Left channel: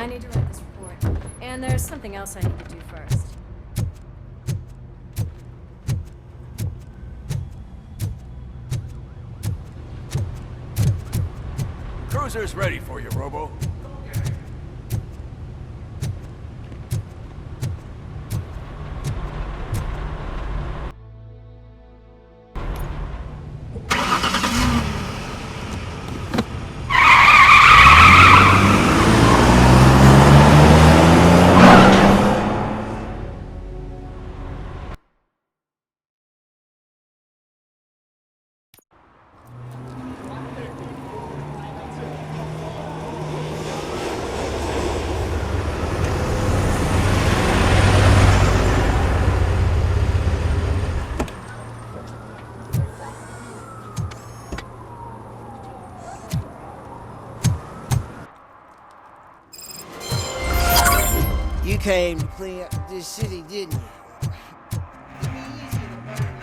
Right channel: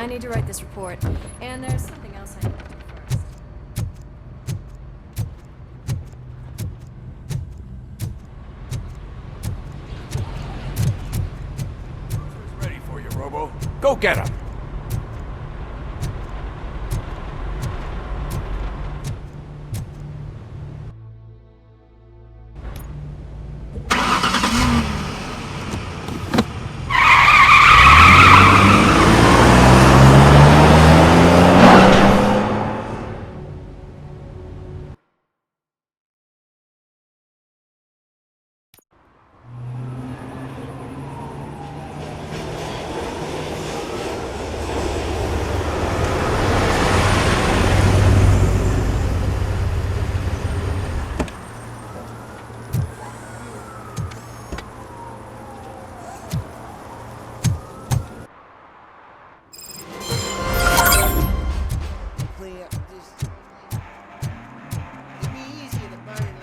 I need to write this report, and there's something else I need to do first. Cruiser's ready for you, Robo. Go get him. Came to clean up this city, didn't you? It'd be easier to burn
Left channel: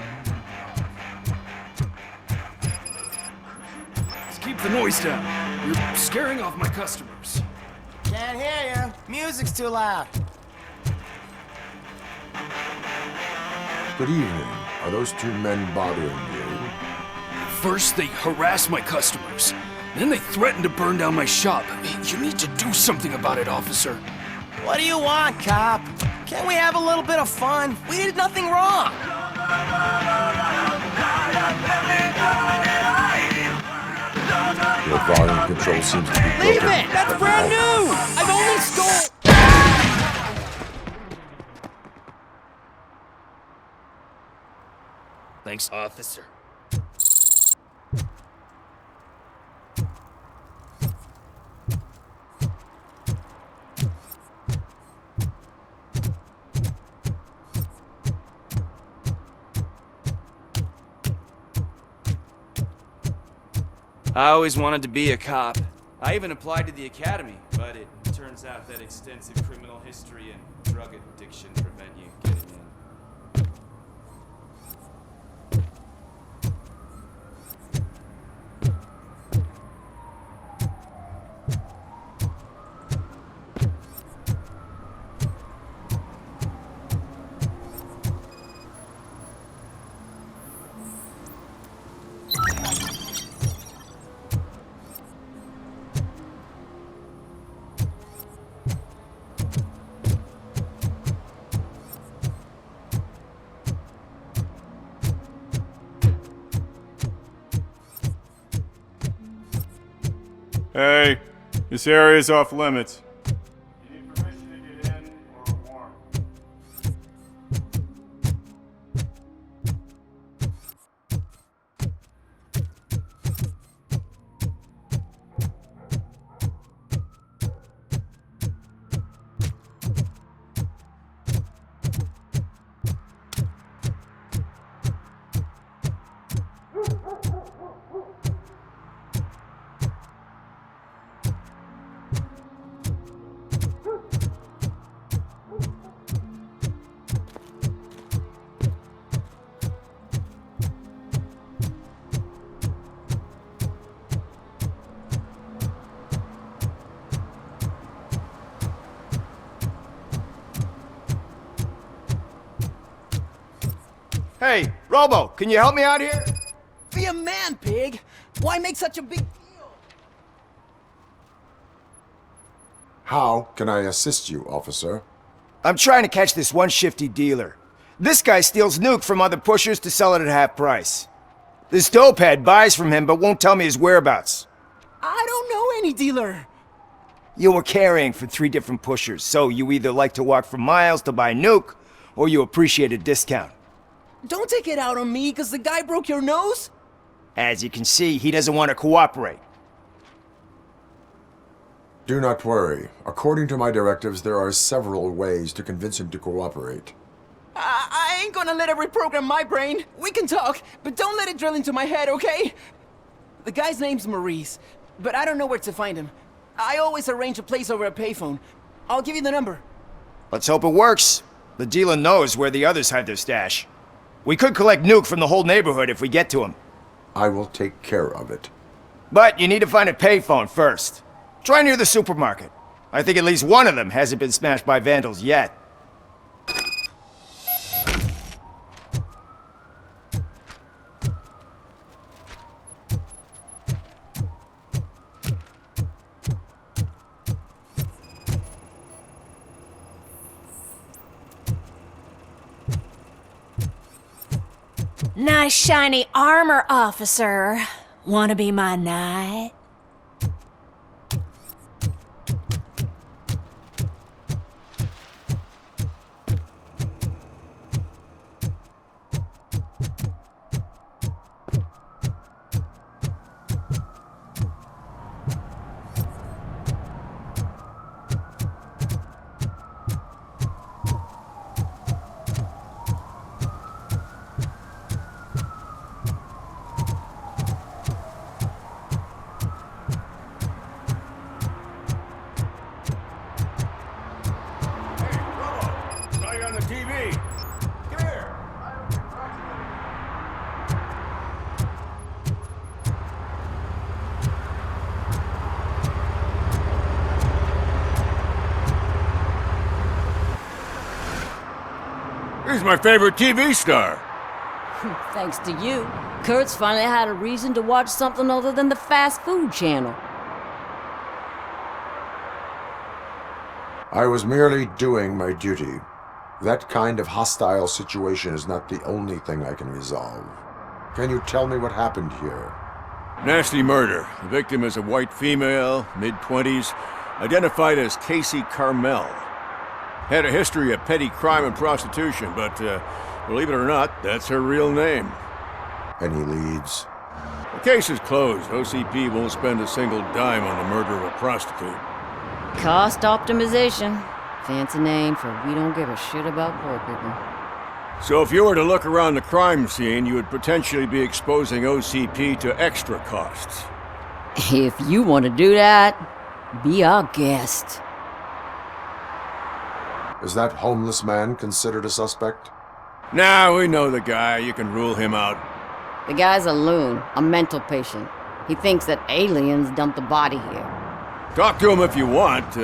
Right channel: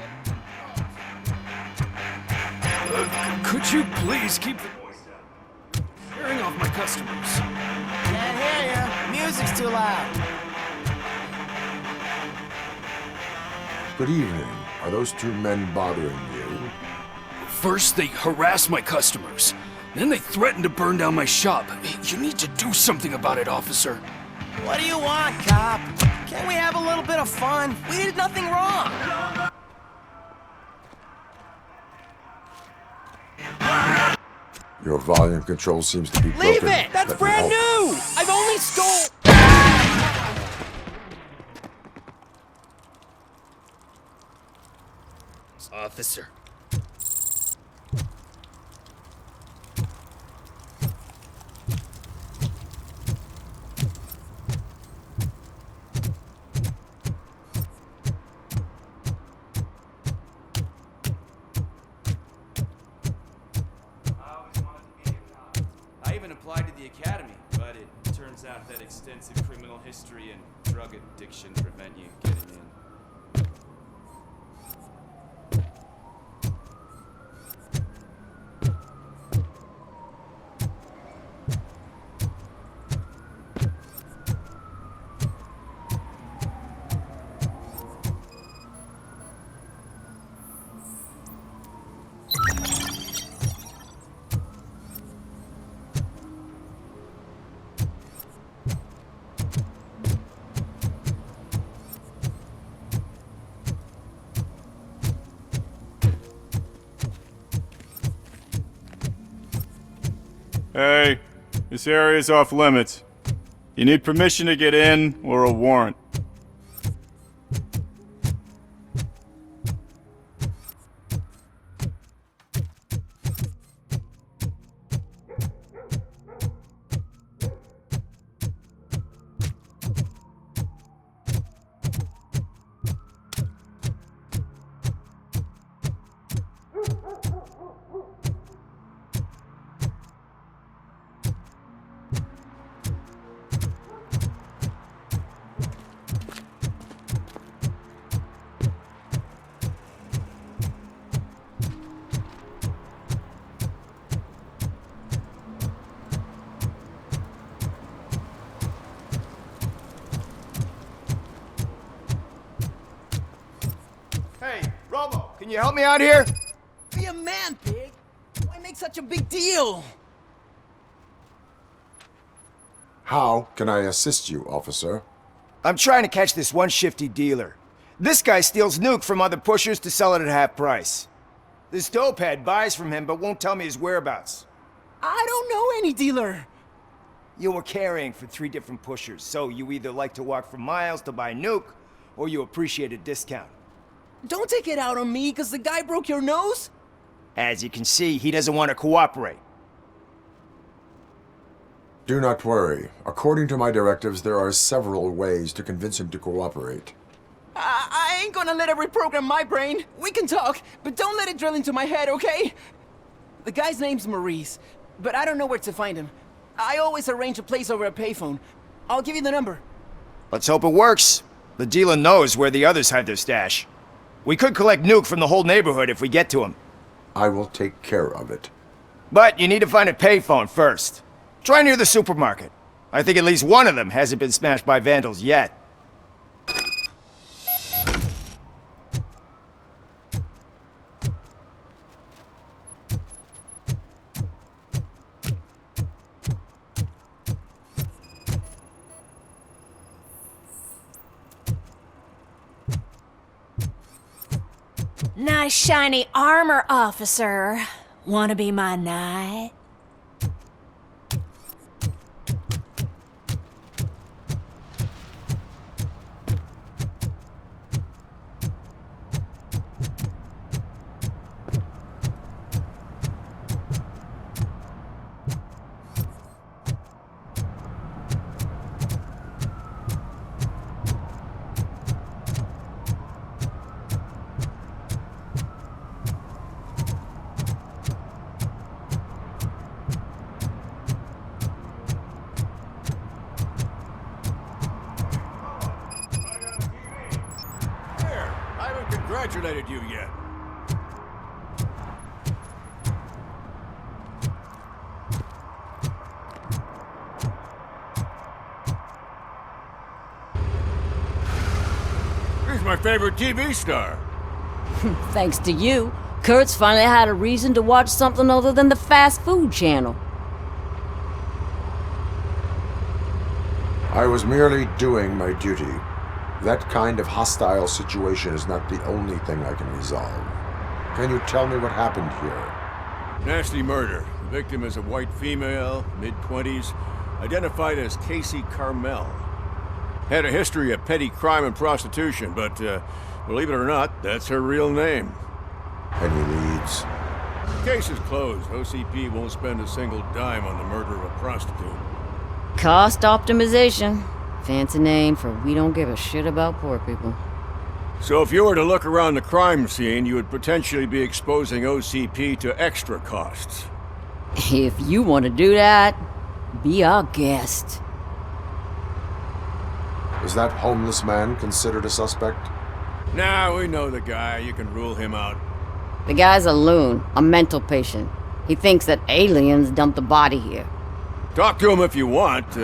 it. Could you please keep the noise down? You're scaring off my customers. Can't hear ya. Music's too loud. Good evening. Are those two men bothering you? First, they harass my customers. Then they threaten to burn down my shop. You need to do something about it, officer. What do you want, cop? Can't we have a little bit of fun? We did nothing wrong. Your volume control seems to be broken. Leave it! That's brand new! I've only stole... Thanks, officer. I always wanted to be a cop. I even applied to the academy, but it turns out that extensive criminal history and drug addiction prevent you getting in. Hey, this area is off limits. You need permission to get in or a warrant. Hey, Robo, can you help me out here? Be a man, pig. Why make such a big deal? How can I assist you, officer? I'm trying to catch this one shifty dealer. This guy steals nuke from other pushers to sell it at half price. This dopehead buys from him but won't tell me his whereabouts. I don't know any dealer. You were carrying for 3 different pushers, so you either like to walk for miles to buy nuke, or you appreciate a discount. Don't take it out on me, because the guy broke your nose? As you can see, he doesn't want to cooperate. Do not worry. According to my directives, there are several ways to convince him to cooperate. I ain't gonna let it reprogram my brain. We can talk, but don't let it drill into my head, okay? The guy's name's Maurice, but I don't know where to find him. I always arrange a place over a payphone. I'll give you the number. Let's hope it works. The dealer knows where the others hide their stash. We could collect nuke from the whole neighborhood if we get to him. I will take care of it. But you need to find a payphone first. Try near the supermarket. I think at least one of them hasn't been smashed by vandals yet. Nice shiny armor, officer. Wanna be my knight? Right on the TV. Come here. I haven't congratulated you yet. He's my favorite TV star. Thanks to you, Kurt's finally had a reason to watch something other than the fast food channel. I was merely doing my duty. That kind of hostile situation is not the only thing I can resolve. Can you tell me what happened here? Nasty murder. The victim is a white female, mid-20s, identified as Casey Carmel. Had a history of petty crime and prostitution, but believe it or not, that's her real name. Any leads? The case is closed. OCP won't spend a single dime on the murder of a prostitute. Cost optimization. Fancy name for we don't give a shit about poor people. So if you were to look around the crime scene, you would potentially be exposing OCP to extra costs. If you want to do that, be our guest. Is that homeless man considered a suspect? Nah, we know the guy. You can rule him out. The guy's a loon, a mental patient. He thinks that aliens dumped the body here. Talk to him if you want.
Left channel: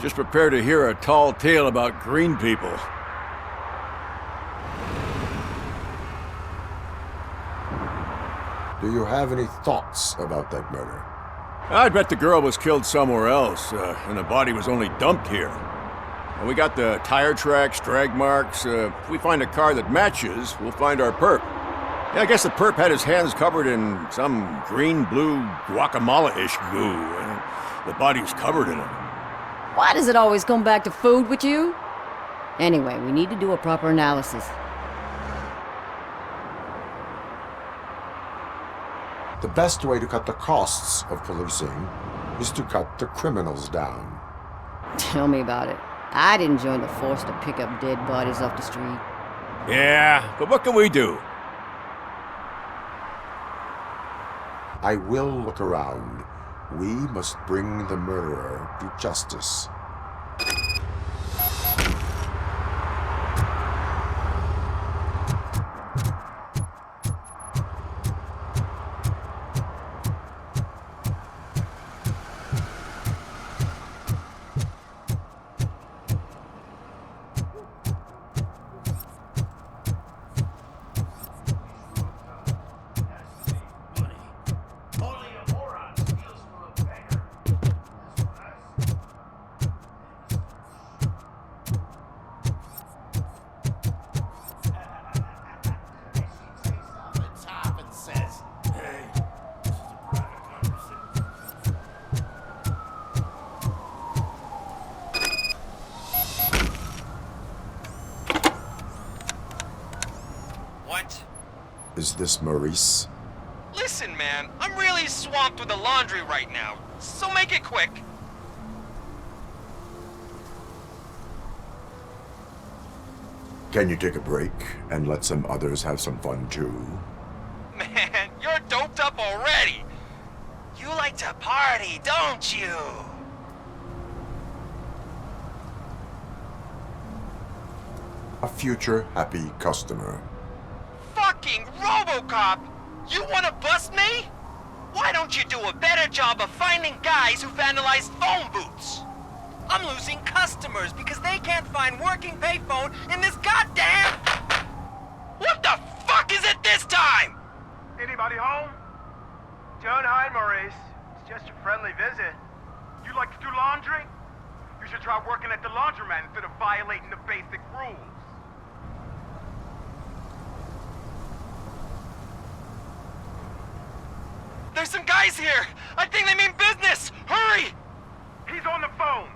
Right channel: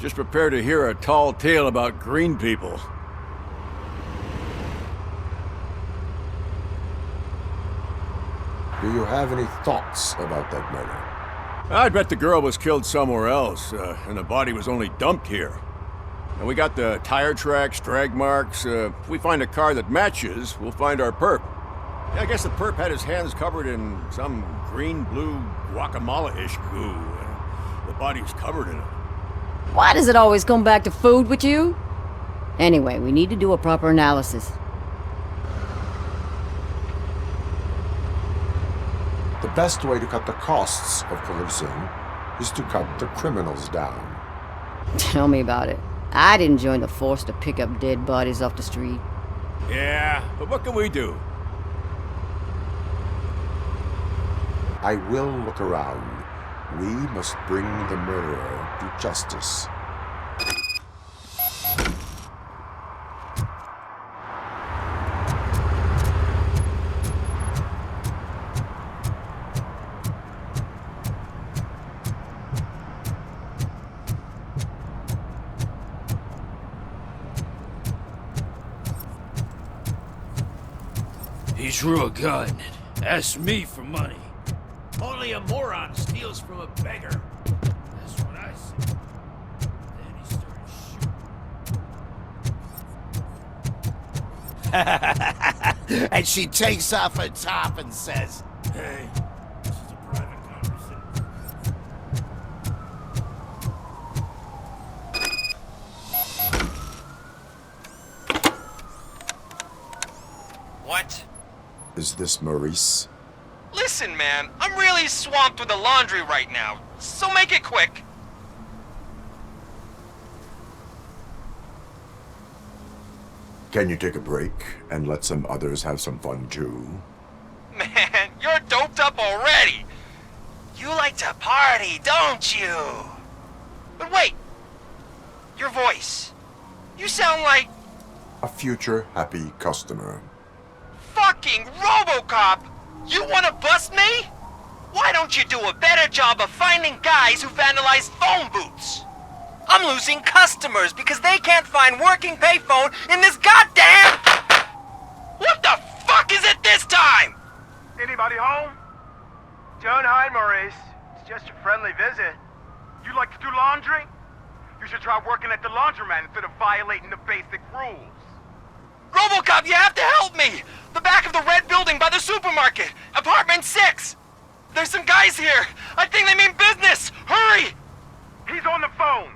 Just prepare to hear a tall tale about green people. Do you have any thoughts about that murder? I bet the girl was killed somewhere else, and the body was only dumped here. And we got the tire tracks, drag marks. If we find a car that matches, we'll find our perp. Yeah, I guess the perp had his hands covered in some green-blue guacamole-ish goo. The body's covered in it. Why does it always come back to food with you? Anyway, we need to do a proper analysis. The best way to cut the costs of policing is to cut the criminals down. Tell me about it. I didn't join the force to pick up dead bodies off the street. Yeah, but what can we do? I will look around. We must bring the murderer to justice. He drew a gun and asked me for money. Only a moron steals from a beggar. That's what I said. Then he started And she takes off her top and says, Hey, this is a private conversation. What? Is this Maurice? Listen, man, I'm really swamped with the laundry right now, so make it quick. Can you take a break and let some others have some fun too? Man, you're doped up already. You like to party, don't you? But wait, your voice. You sound like A future happy customer. fucking Robocop. You wanna bust me? Why don't you do a better job of finding guys who vandalize phone booths? I'm losing customers because they can't find working payphone in this goddamn... What the fuck is it this time? Anybody home? Don't hide, Maurice. It's just a friendly visit. You like to do laundry? You should try working at the laundromat instead of violating the basic rules. Robocop, you have to help me! The back of the red building by the supermarket. Apartment 6. There's some guys here. I think they mean business. Hurry! He's on the phone.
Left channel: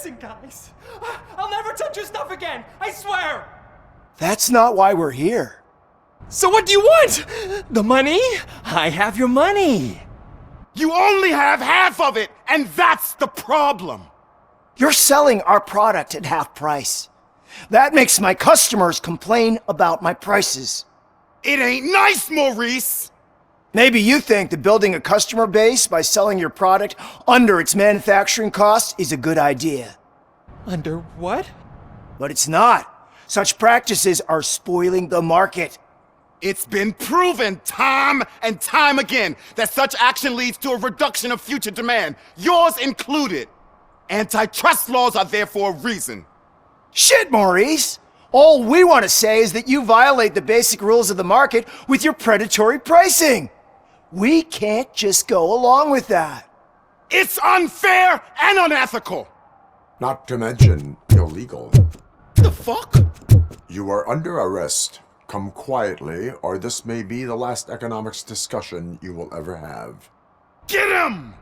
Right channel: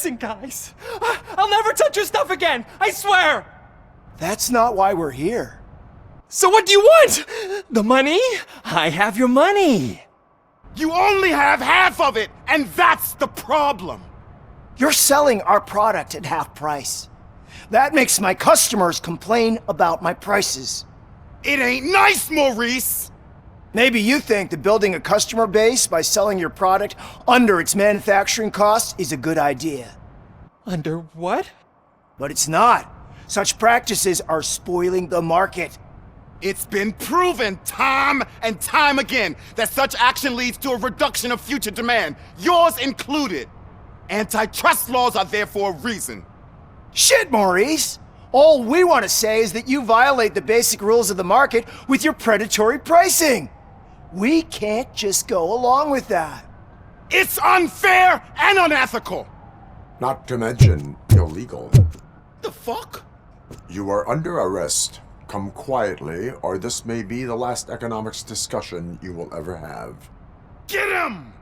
Listen, guys. I'll never touch your stuff again. I swear. That's not why we're here. So what do you want? The money? I have your money. You only have half of it, and that's the problem. You're selling our product at half price. That makes my customers complain about my prices. It ain't nice, Maurice! Maybe you think that building a customer base by selling your product under its manufacturing cost is a good idea. Under what? But it's not. Such practices are spoiling the market. It's been proven time and time again that such action leads to a reduction of future demand, yours included. Antitrust laws are there for a reason. Shit, Maurice! All we want to say is that you violate the basic rules of the market with your predatory pricing. We can't just go along with that. It's unfair and unethical! Not to mention illegal. The fuck? You are under arrest. Come quietly, or this may be the last economics discussion you will ever have. Get him!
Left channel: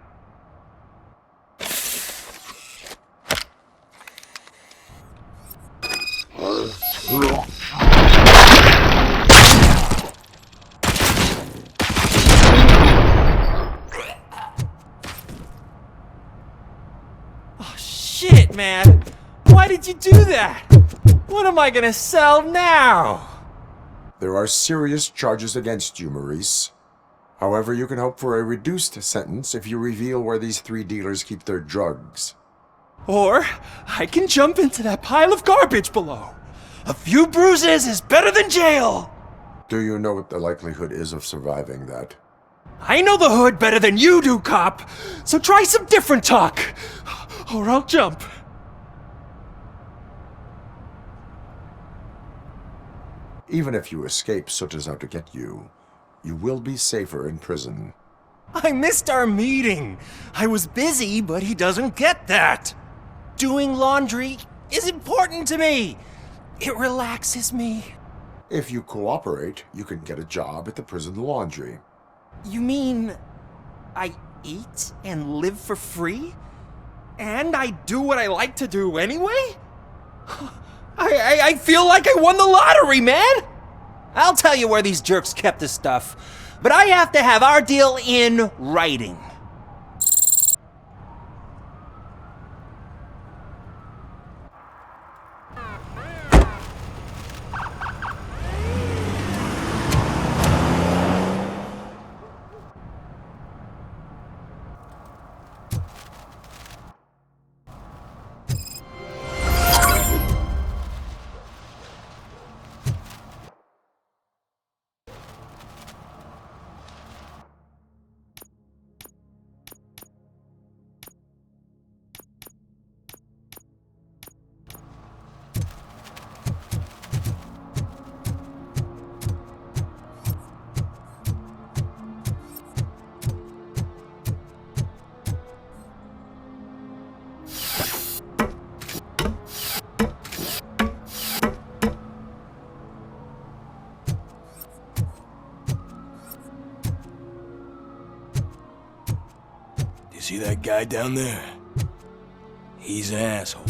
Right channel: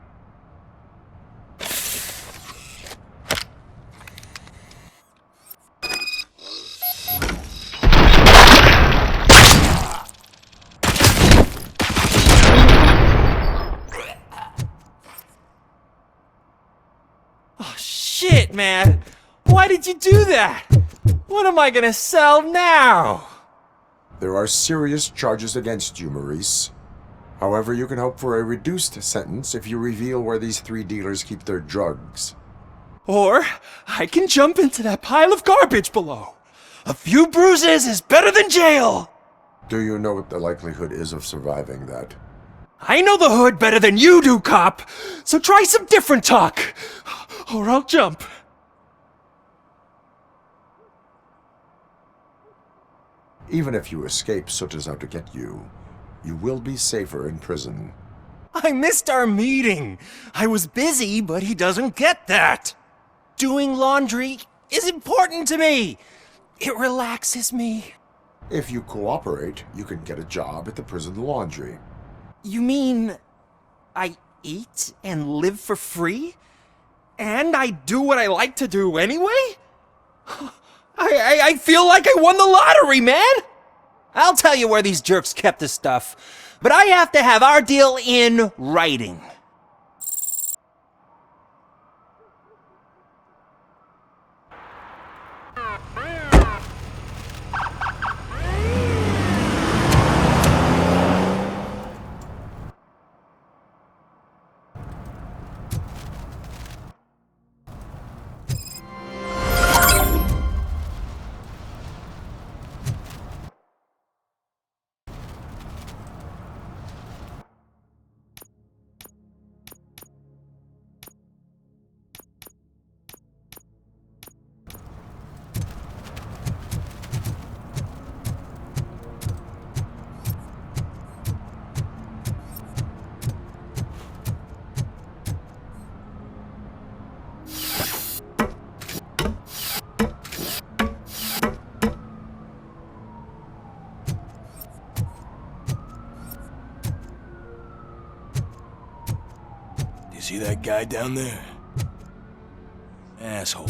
Shit, man! Why did you do that? What am I gonna sell now? There are serious charges against you, Maurice. However, you can hope for a reduced sentence if you reveal where these 3 dealers keep their drugs. Or I can jump into that pile of garbage below. A few bruises is better than jail! Do you know what the likelihood is of surviving that? I know the hood better than you do, cop! So try some different talk, or I'll jump. Even if you escape Soot is out to get you, you will be safer in prison. I missed our meeting. I was busy, but he doesn't get that. Doing laundry is important to me. It relaxes me. If you cooperate, you can get a job at the prison laundry. You mean I eat and live for free? And I do what I like to do anyway? I feel like I won the lottery, man! I'll tell you where these jerks kept the stuff, but I have to have our deal in writing. See that guy down there? He's an asshole.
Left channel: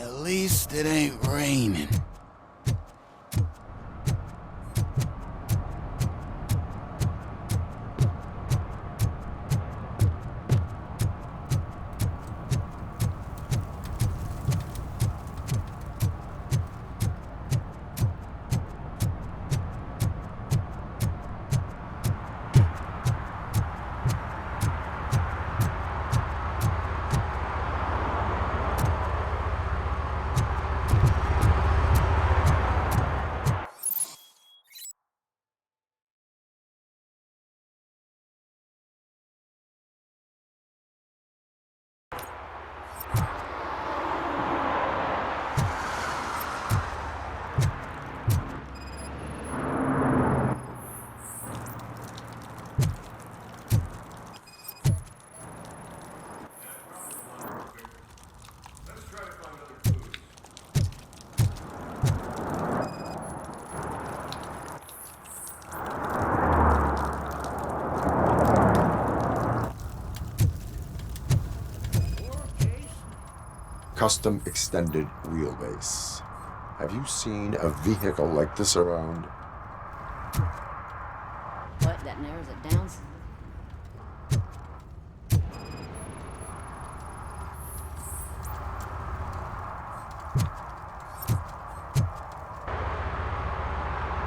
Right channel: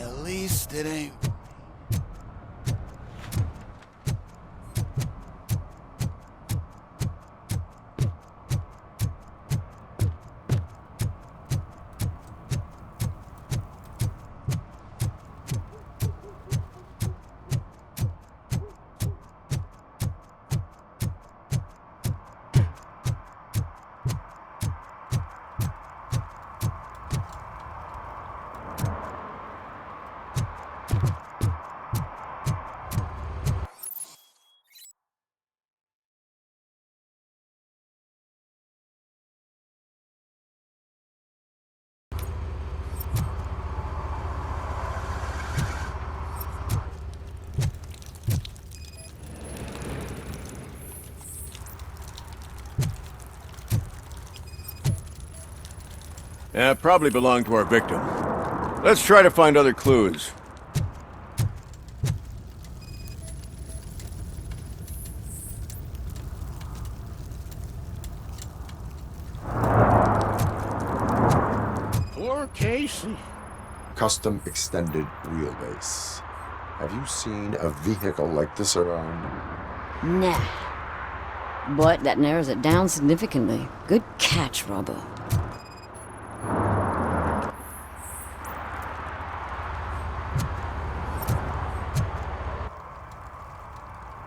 At least it ain't raining. Yeah, probably belonged to our victim. Let's try to find other clues. Poor Casey. Custom extended wheelbase. Have you seen a vehicle like this around? Nah. But that narrows it down significantly. Good catch, Robo.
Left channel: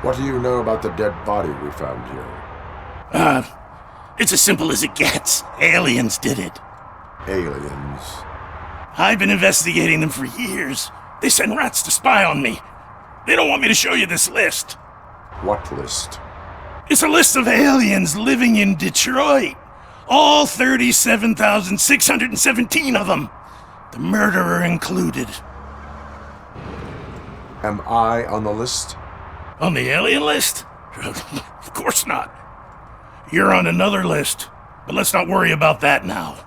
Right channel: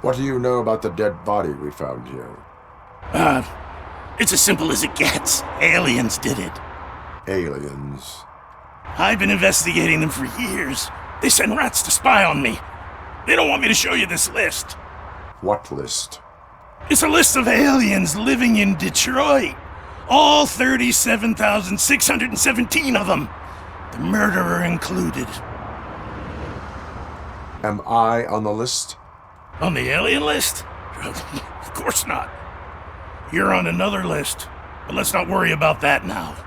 What do you know about the dead body we found here? It's as simple as it gets. Aliens did it. Aliens. I've been investigating them for years. They send rats to spy on me. They don't want me to show you this list. What list? It's a list of aliens living in Detroit. All 37,617 of them. The murderer included. Am I on the list? On the alien list? Of course not. You're on another list, but let's not worry about that now.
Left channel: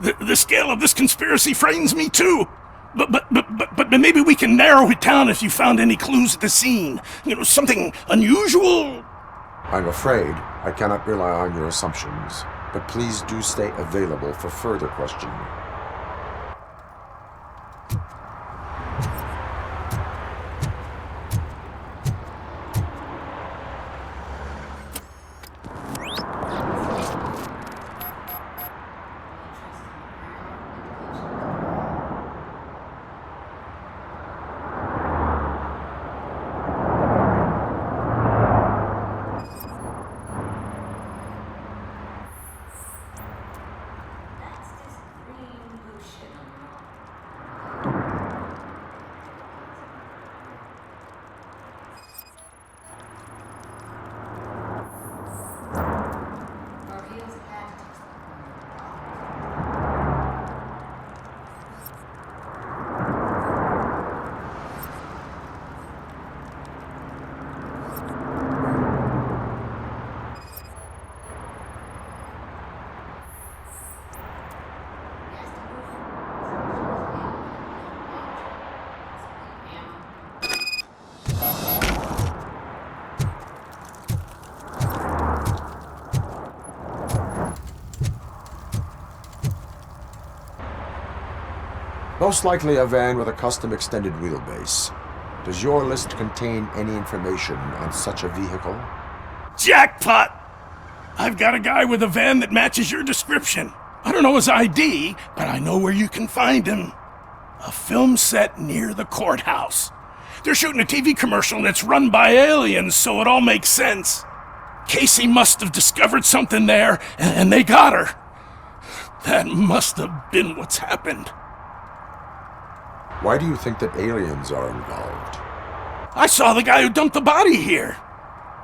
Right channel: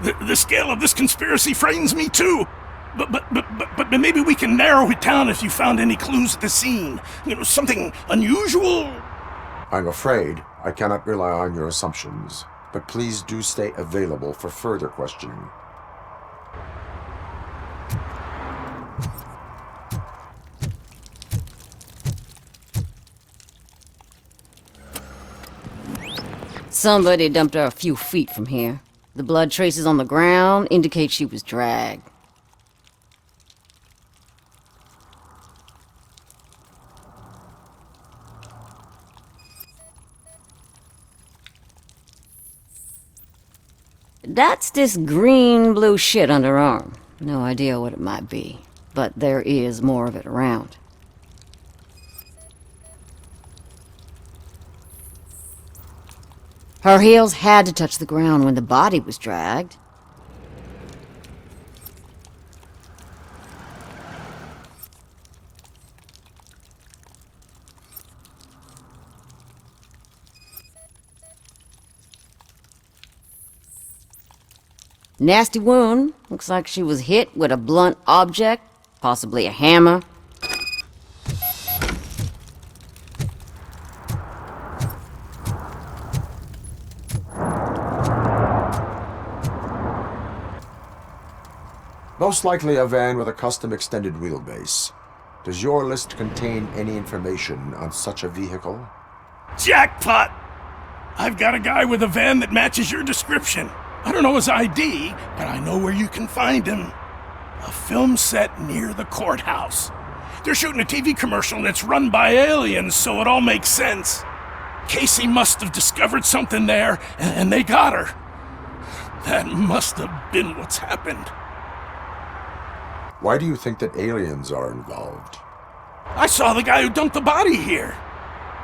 The scale of this conspiracy frightens me too. But maybe we can narrow it down if you found any clues at the scene. Something unusual? I'm afraid I cannot rely on your assumptions, but please do stay available for further questioning. Somebody dumped her a few feet from here. The blood traces on the ground indicate she was dragged. That's this green-blue shit under her arm. No idea what it might be, but there is more of it around. Her heels had to touch the ground when the body was dragged. Nasty wound. Looks like she was hit with a blunt object, possibly a hammer. Most likely a van with a custom extended wheelbase. Does your list contain any information on such a vehicle? Jackpot! I've got a guy with a van that matches your description. I don't know his ID, but I know where you can find him. A film set near the courthouse. They're shooting a TV commercial and it's run by aliens, so it all makes sense. Casey must have discovered something there, and they got her. That must have been what's happened. Why do you think that aliens are involved? I saw the guy who dumped the body here.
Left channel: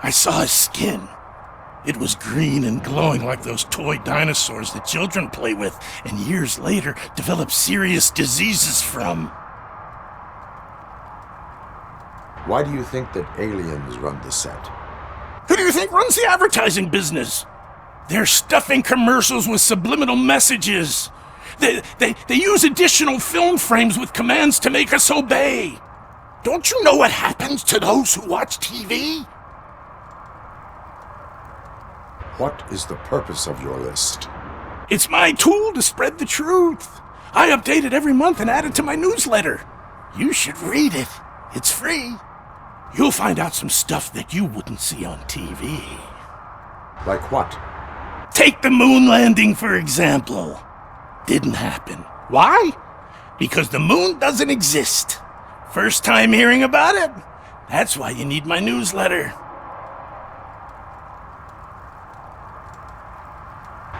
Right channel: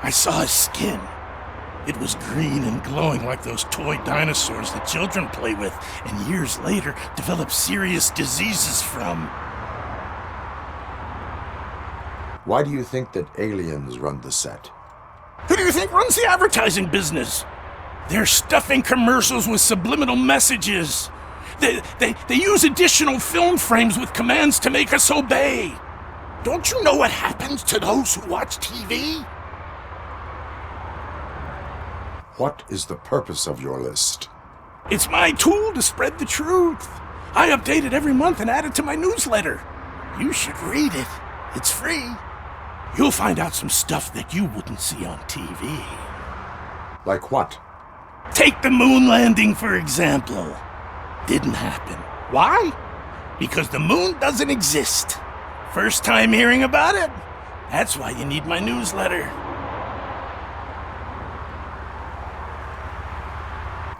I saw his skin. It was green and glowing like those toy dinosaurs that children play with and years later develop serious diseases from. Why do you think that aliens run the set? Who do you think runs the advertising business? They're stuffing commercials with subliminal messages. They use additional film frames with commands to make us obey. Don't you know what happens to those who watch TV? What is the purpose of your list? It's my tool to spread the truth. I update it every month and add it to my newsletter. You should read it. It's free. You'll find out some stuff that you wouldn't see on TV. Like what? Take the moon landing, for example. Didn't happen. Why? Because the moon doesn't exist. First time hearing about it? That's why you need my newsletter.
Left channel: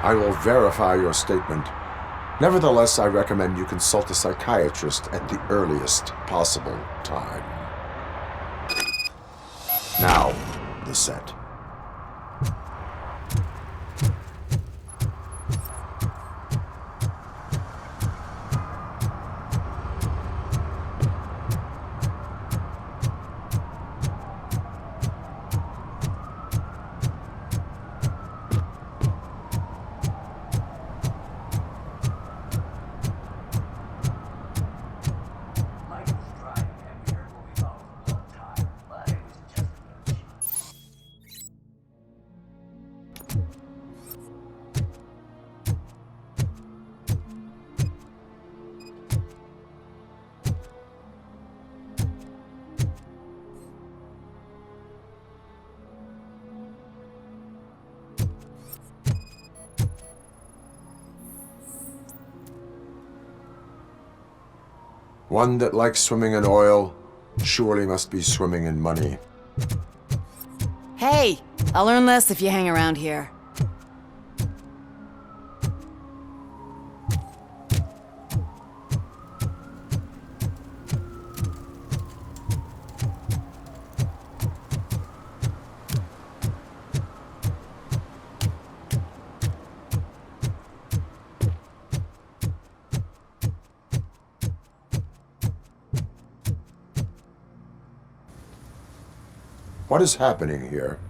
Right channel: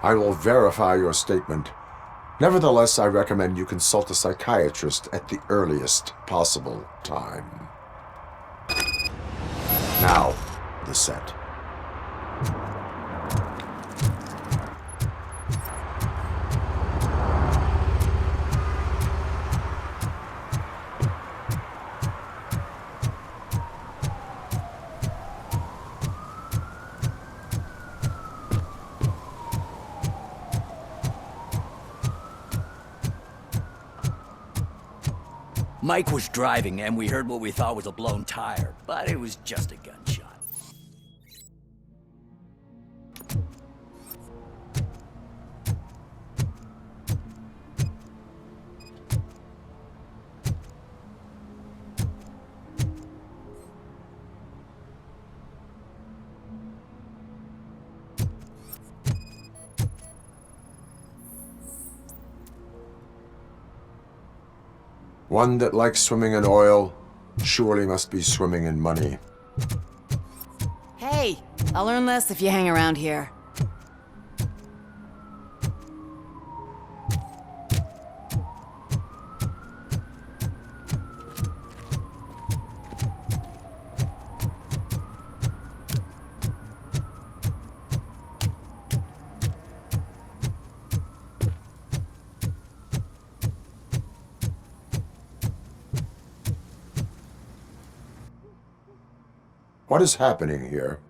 I will verify your statement. Nevertheless, I recommend you consult a psychiatrist at the earliest possible time. Now, the set. Mike was driving and we heard what we thought was a blown tire, but it was just a gunshot. One that likes swimming in oil surely must be swimming in money. Hey, I'll learn less if you hang around here. What is happening here?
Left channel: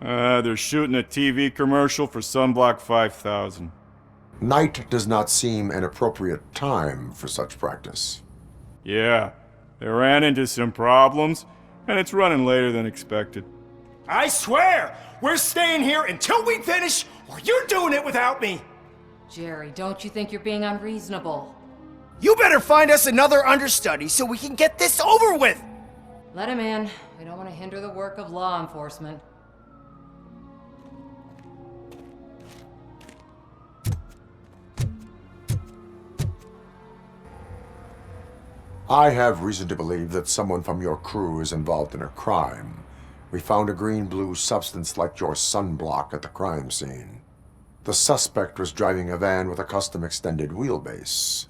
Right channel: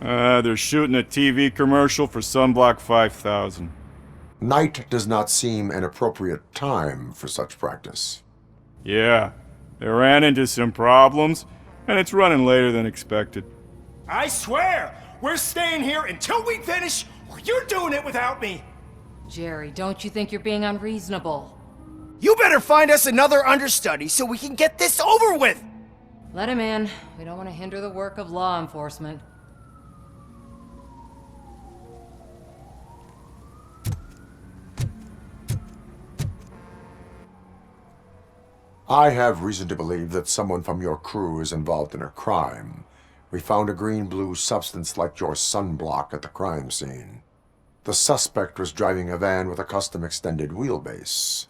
They're shooting a TV commercial for Sunblock 5000. Night does not seem an appropriate time for such practice. Yeah, they ran into some problems, and it's running later than expected. I swear, we're staying here until we finish, or you're doing it without me. Jerry, don't you think you're being unreasonable? You better find us another understudy so we can get this over with. Let him in. We don't want to hinder the work of law enforcement. I have reason to believe that someone from your crew is involved in a crime. We found a green-blue substance like your sunblock at the crime scene. The suspect was driving a van with a custom extended wheelbase.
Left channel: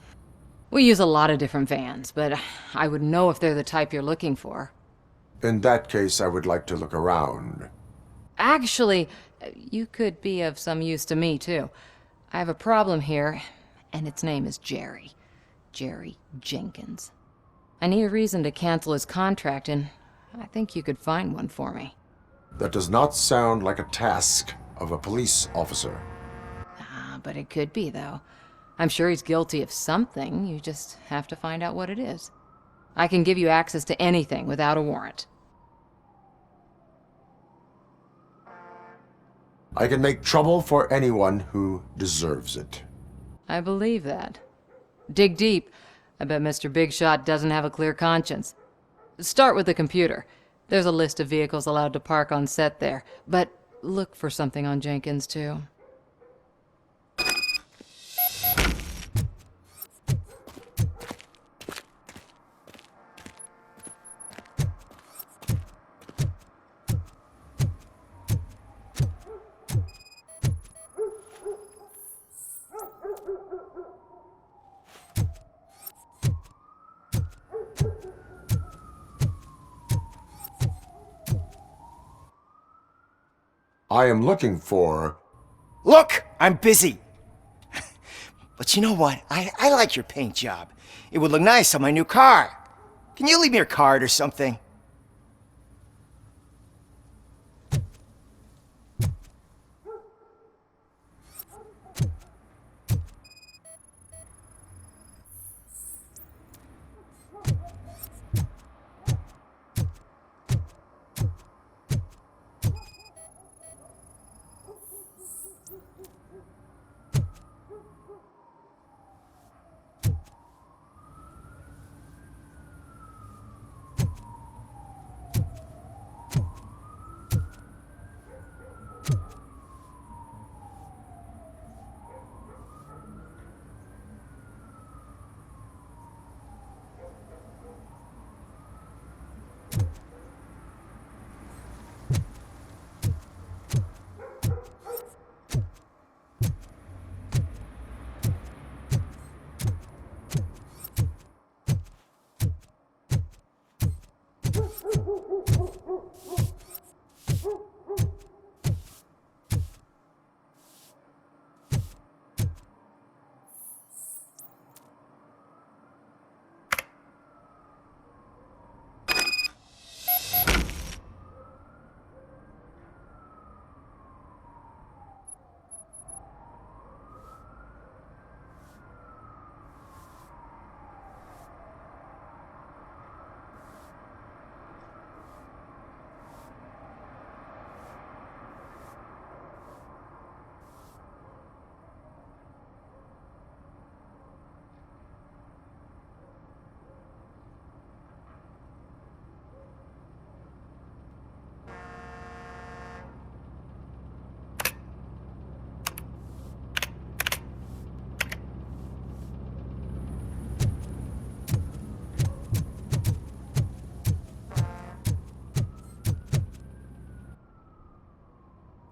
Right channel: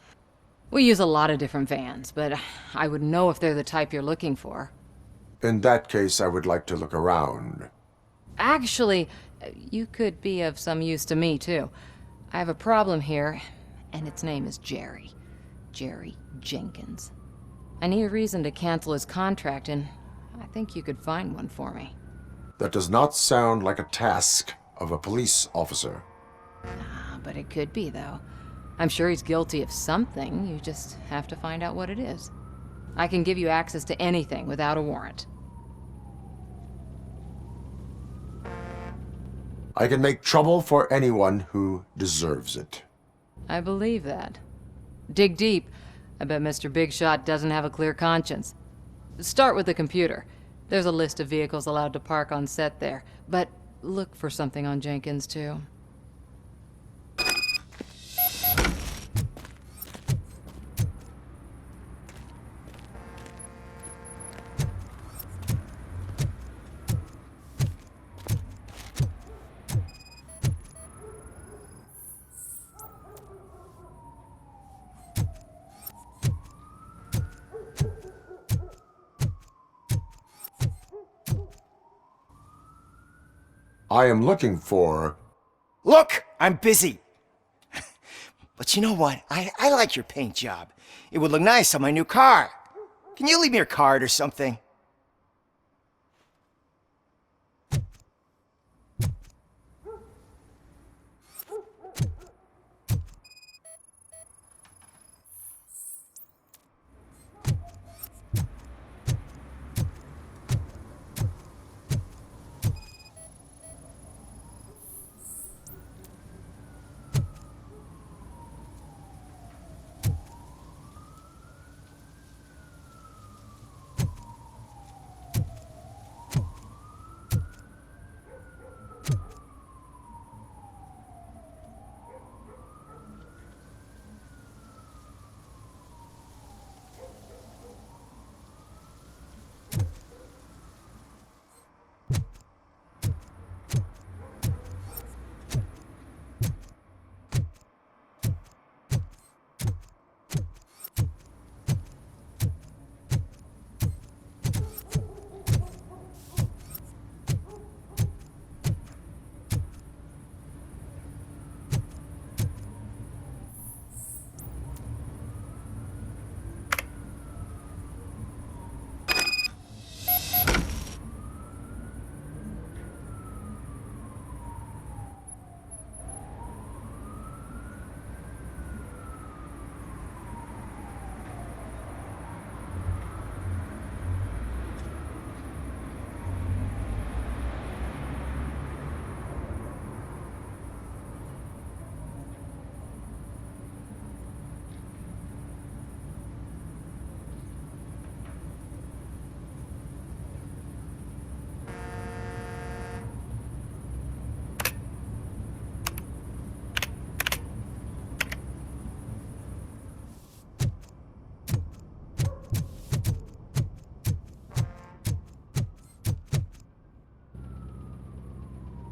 We use a lot of different vans, but I would know if they're the type you're looking for. In that case, I would like to look around. Actually, you could be of some use to me, too. I have a problem here, and its name is Jerry. Jerry Jenkins. I need a reason to cancel his contract, and I think you could find one for me. That does not sound like a task of a police officer. But it could be, though. I'm sure he's guilty of something. You just have to find out what it is. I can give you access to anything without a warrant. I can make trouble for anyone who deserves it. I believe that. Dig deep. I bet Mr. Big Shot doesn't have a clear conscience. Start with the computer. There's a list of vehicles allowed to park on set there, but look for something on Jenkins, too. I am looking for... Look, I'm busy. But you know what? I like your paint job. It would look nice on my new car. Can you leave me your card or something?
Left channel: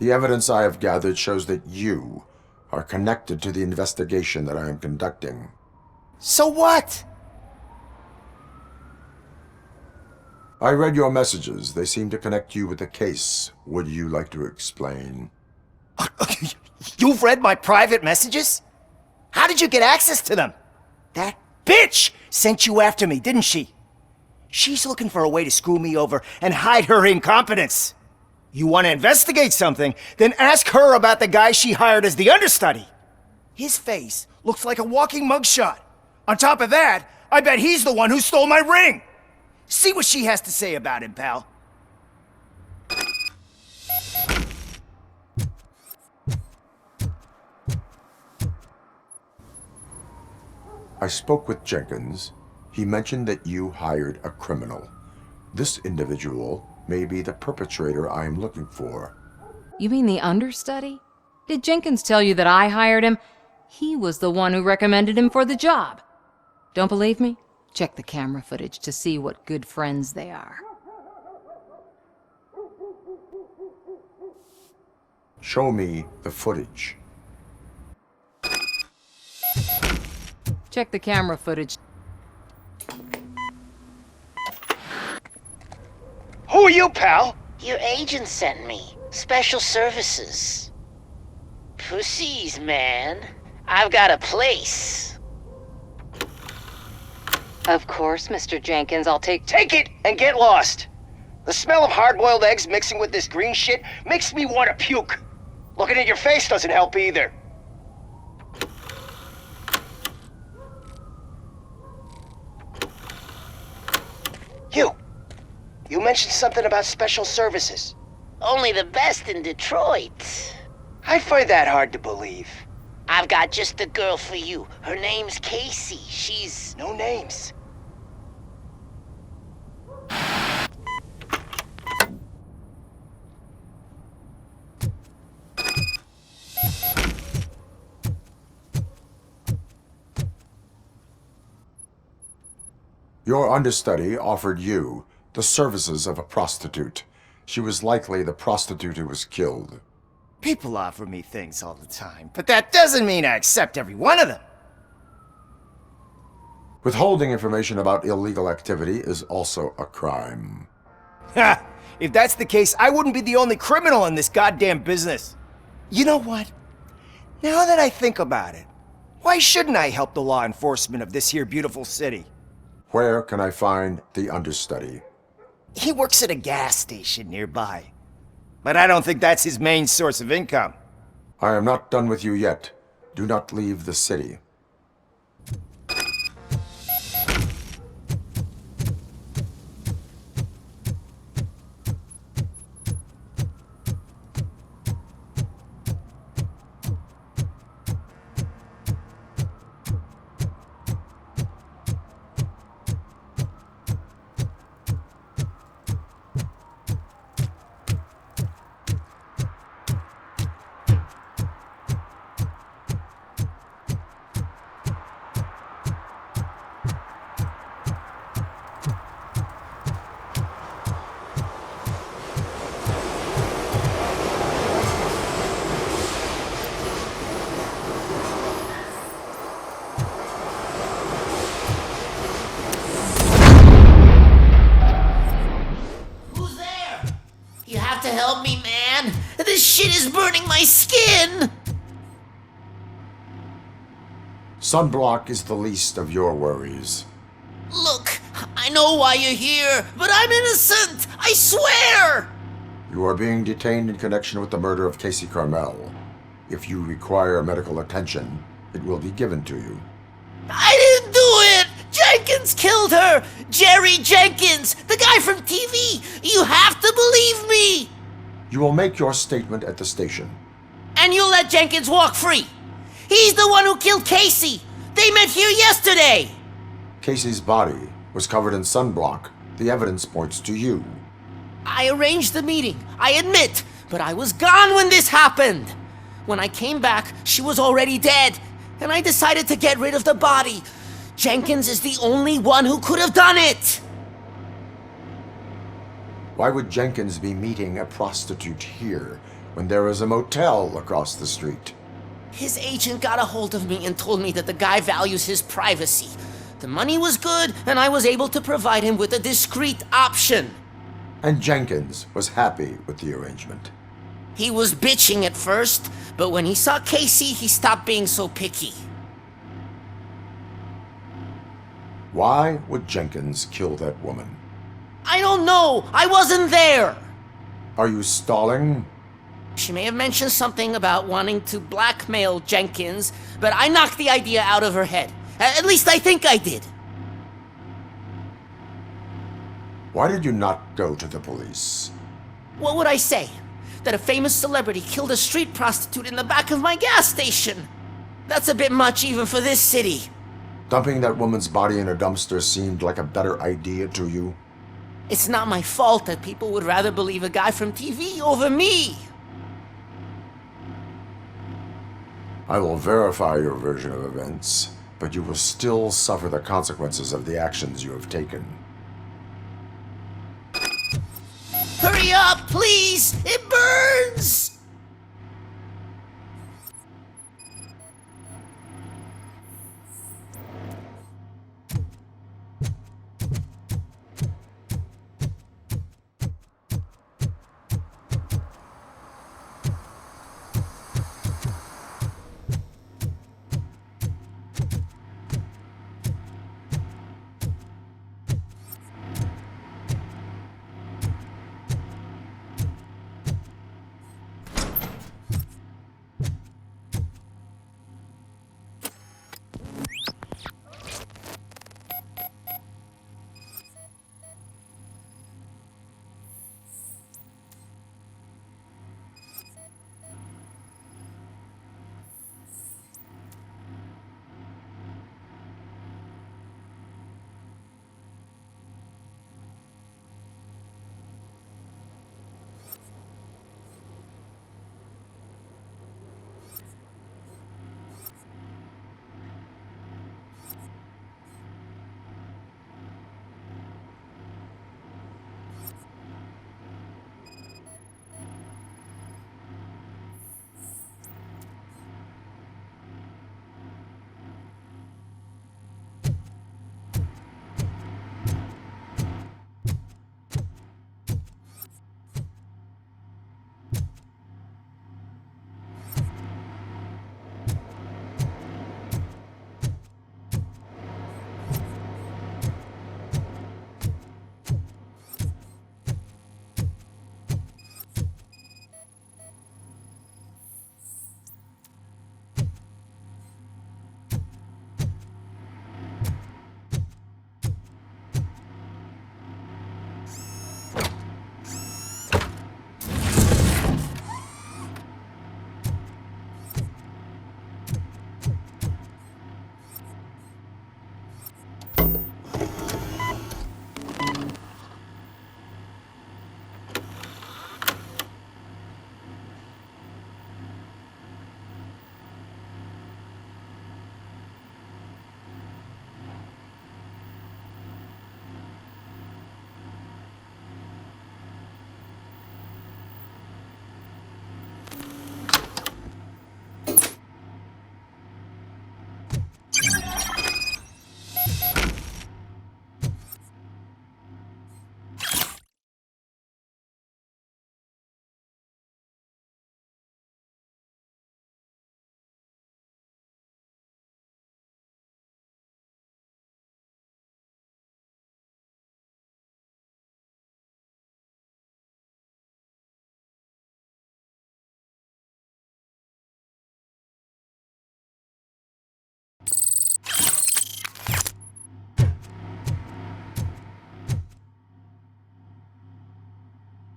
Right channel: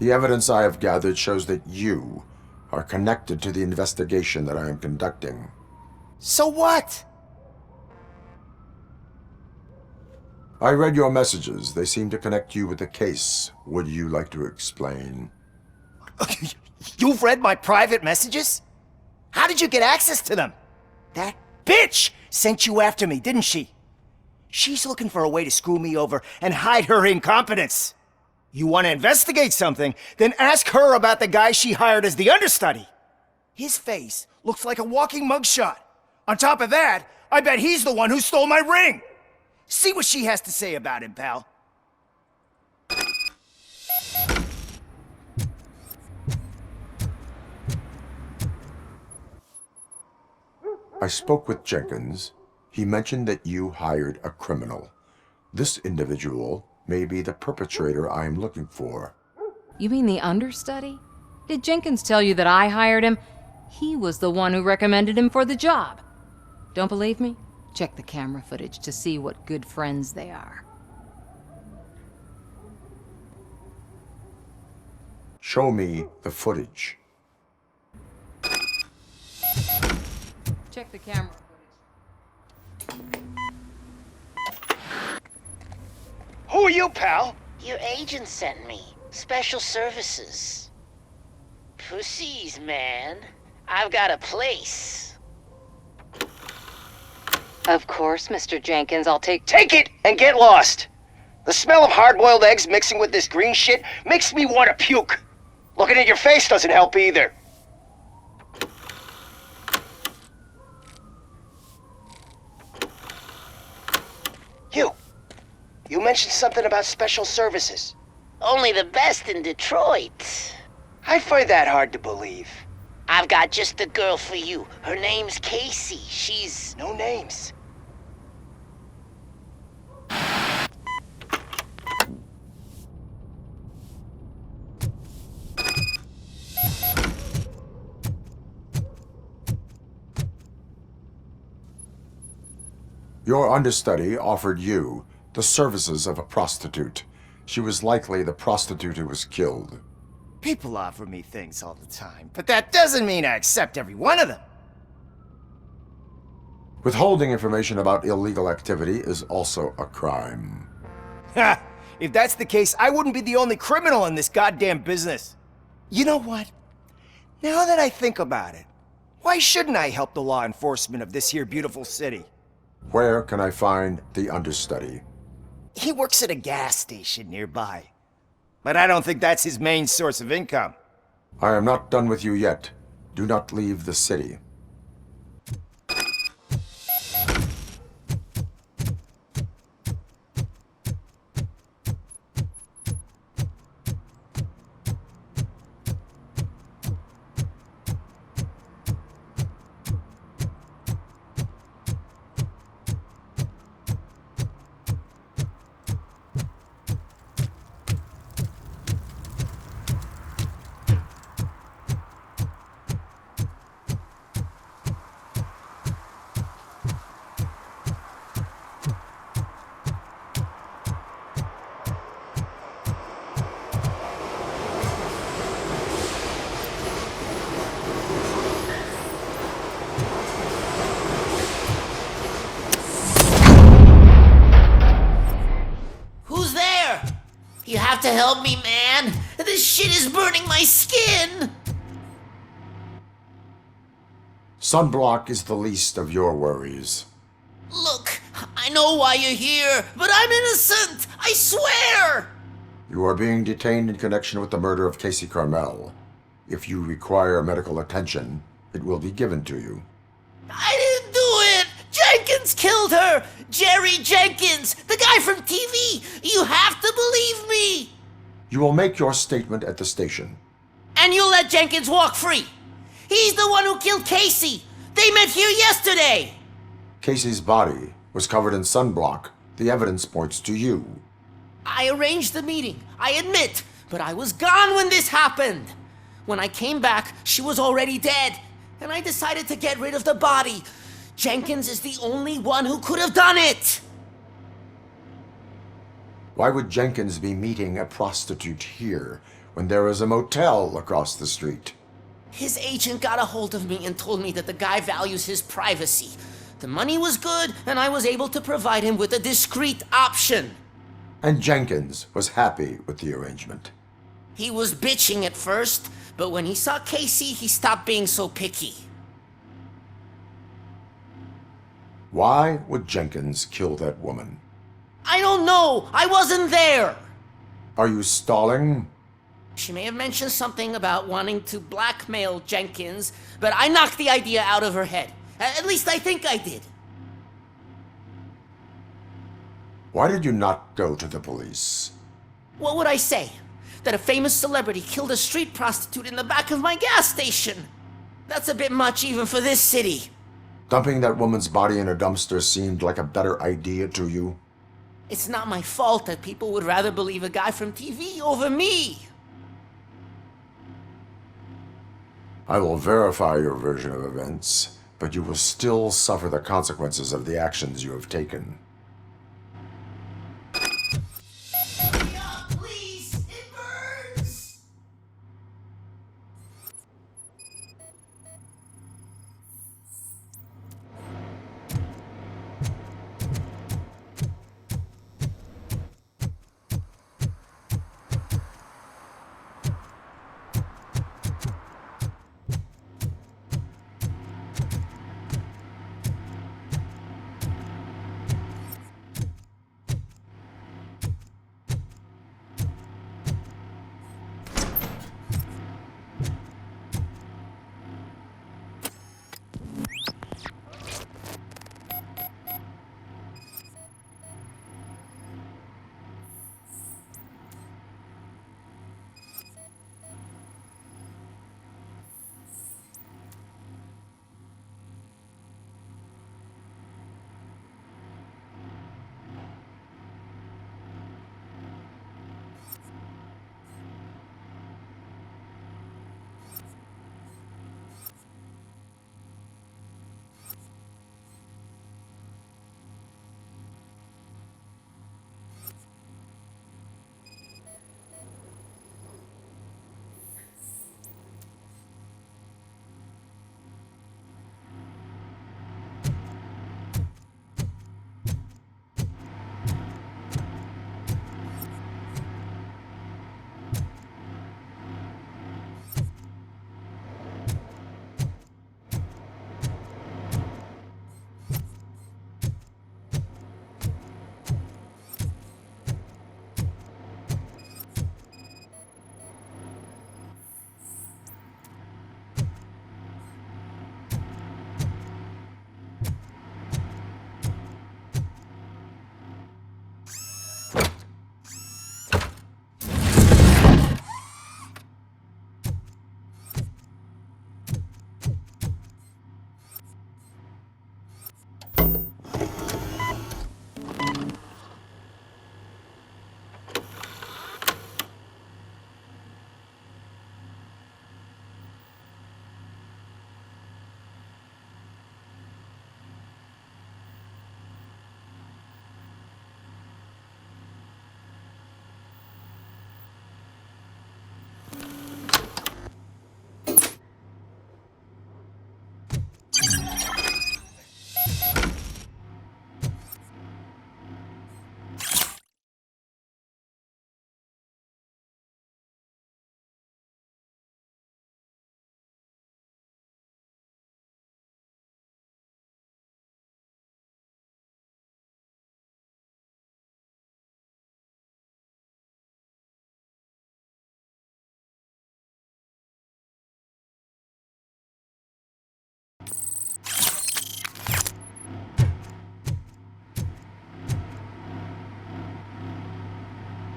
The evidence I have gathered shows that you are connected to the investigation that I am conducting. So what? I read your messages. They seem to connect you with the case. Would you like to explain? You've read my private messages? How did you get access to them? That bitch sent you after me, didn't she? She's looking for a way to screw me over and hide her incompetence. You want to investigate something, then ask her about the guy she hired as the understudy. His face looks like a walking mugshot. On top of that, I bet he's the one who stole my ring. See what she has to say about him, pal. I spoke with Jenkins. He mentioned that you hired a criminal. This individual may be the perpetrator I am looking for. You mean the understudy? Did Jenkins tell you that I hired him? He was the one who recommended him for the job. Don't believe me? Check the camera footage to see what good friends they are. Show me the footage. Check the camera footage. Who are you, pal? Your agent sent me. Special services. Pussies, man. I've got a place. Of course, Mr. Jenkins, I'll take Take it and get lost. The smell of hard-boiled eggs mixing with this green shit makes me want to puke. Looking at your face doesn't help either. You mentioned something about special services. Only the best in Detroit. I find that hard to believe. I've got just the girl for you. Her name's Casey. She's... No names. Your understudy offered you the services of a prostitute. She was likely the prostitute who was killed. People offer me things all the time, but that doesn't mean I accept every one of them. Withholding information about illegal activity is also a crime. Ha! If that's the case, I wouldn't be the only criminal in this goddamn business. You know what? Now that I think about it, why shouldn't I help the law enforcement of this here beautiful city? Where can I find the understudy? He works at a gas station nearby. But I don't think that's his main source of income. I am not done with you yet. Do not leave the city. You have to help me, man. This shit is burning my skin. Sunblock is the least of your worries. Look, I know why you're here, but I'm innocent. I swear. You are being detained in connection with the murder of Casey Carmel. If you require medical attention, it will be given to you. I didn't do it! Jenkins killed her! Jerry Jenkins, the guy from TV! You have to believe me! You will make your statement at the station. And you'll let Jenkins walk free! He's the one who killed Casey! They met here yesterday! Casey's body was covered in sunblock. The evidence points to you. I arranged the meeting, I admit, but I was gone when this happened! When I came back, she was already dead, and I decided to get rid of the body. Jenkins is the only one who could have done it! Why would Jenkins be meeting a prostitute here when there is a motel across the street? His agent got a hold of me and told me that the guy values his privacy. The money was good, and I was able to provide him with a discreet option. And Jenkins was happy with the arrangement. He was bitching at first, but when he saw Casey, he stopped being so picky. Why would Jenkins kill that woman? I don't know. I wasn't there. Are you stalling? She may have mentioned something about wanting to blackmail Jenkins, but I knocked the idea out of her head. At least I think I did. Why did you not go to the police? What would I say? That a famous celebrity killed a street prostitute in the back of my gas station? That's a bit much even for this city. Dumping that woman's body in a dumpster seemed like a better idea to you? It's not my fault that people would rather believe a guy from TV over me. I will verify your version of events, but you will still suffer the consequences of the actions you have taken. Hurry up, please! It burns!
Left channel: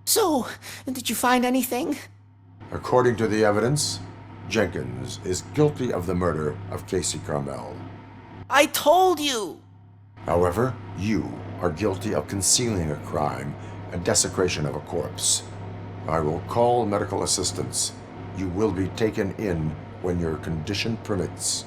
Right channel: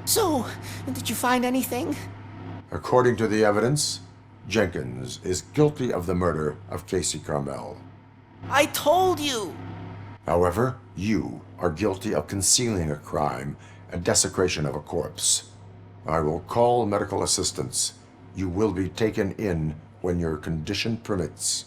So, did you find anything? According to the evidence, Jenkins is guilty of the murder of Casey Carmel. I told you! However, you are guilty of concealing a crime and desecration of a corpse. I will call medical assistance. You will be taken in when your condition permits.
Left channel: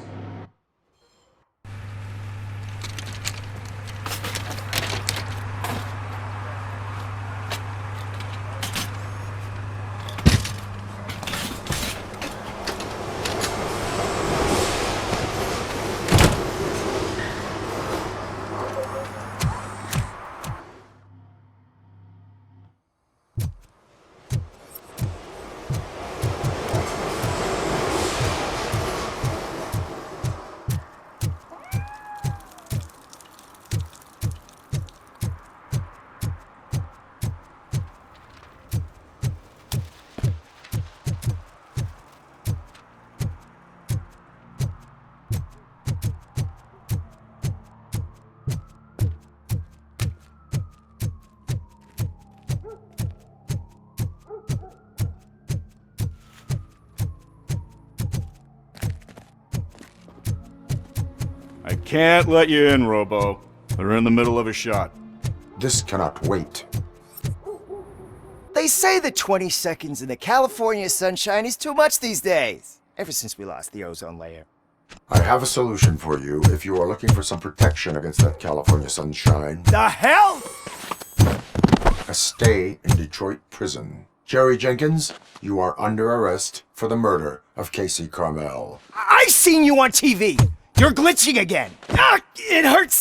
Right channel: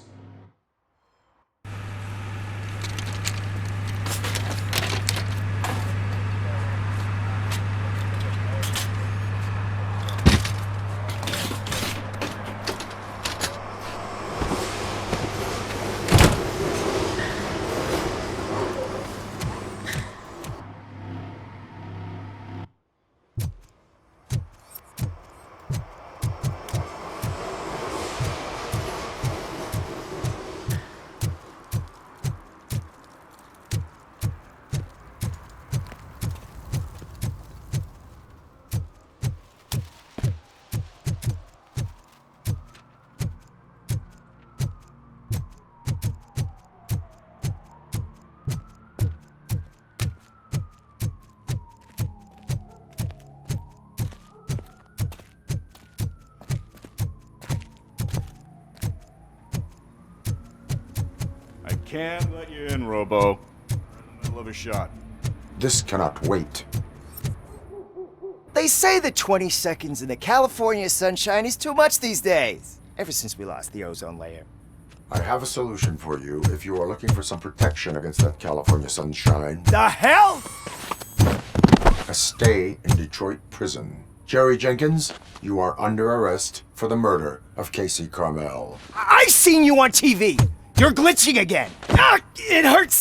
I can't let you in, Robo. They're in the middle of a shot. This cannot wait. They say that 20 seconds in the California sunshine is too much these days, ever since we lost the ozone layer. I have a solution for you if you are looking for some protection against that California sunshine. The hell? A stay in Detroit prison. Jerry Jenkins, you are under arrest for the murder of Casey Carmel. I seen you on TV. You're glitching again. Ah, it hurts